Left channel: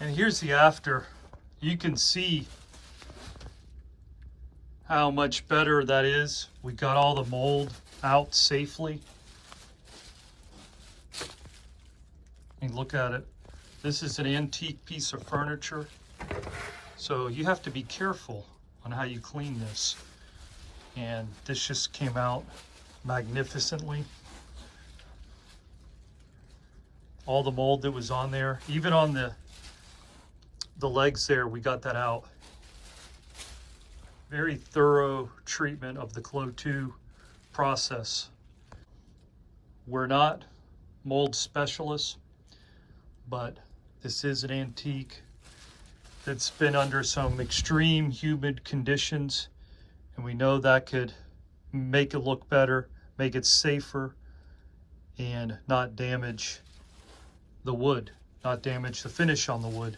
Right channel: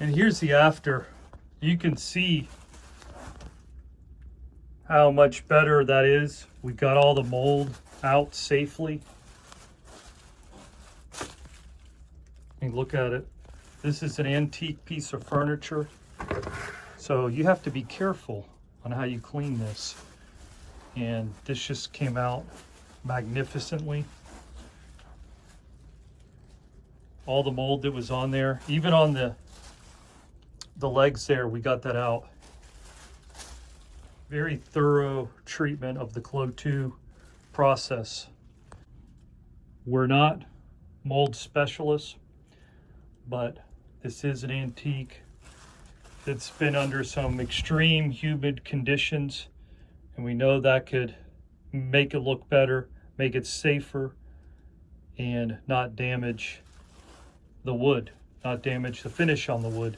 And here's the after. You can see how much better that is. We got all the mold out safely. And look at it. This is an antique piece of furniture. So you have to be careful on how you clean this. And this just came out magnificently. All the mold that was on there, even on the legs there, we got that out. Very thorough treatment of the Clo 2 process. We're not mold specialists, but this is an antique that's been under some extreme humid conditions, and we know that could make it look better, make it safer, and not damage the wood, not damage the finish on the wood.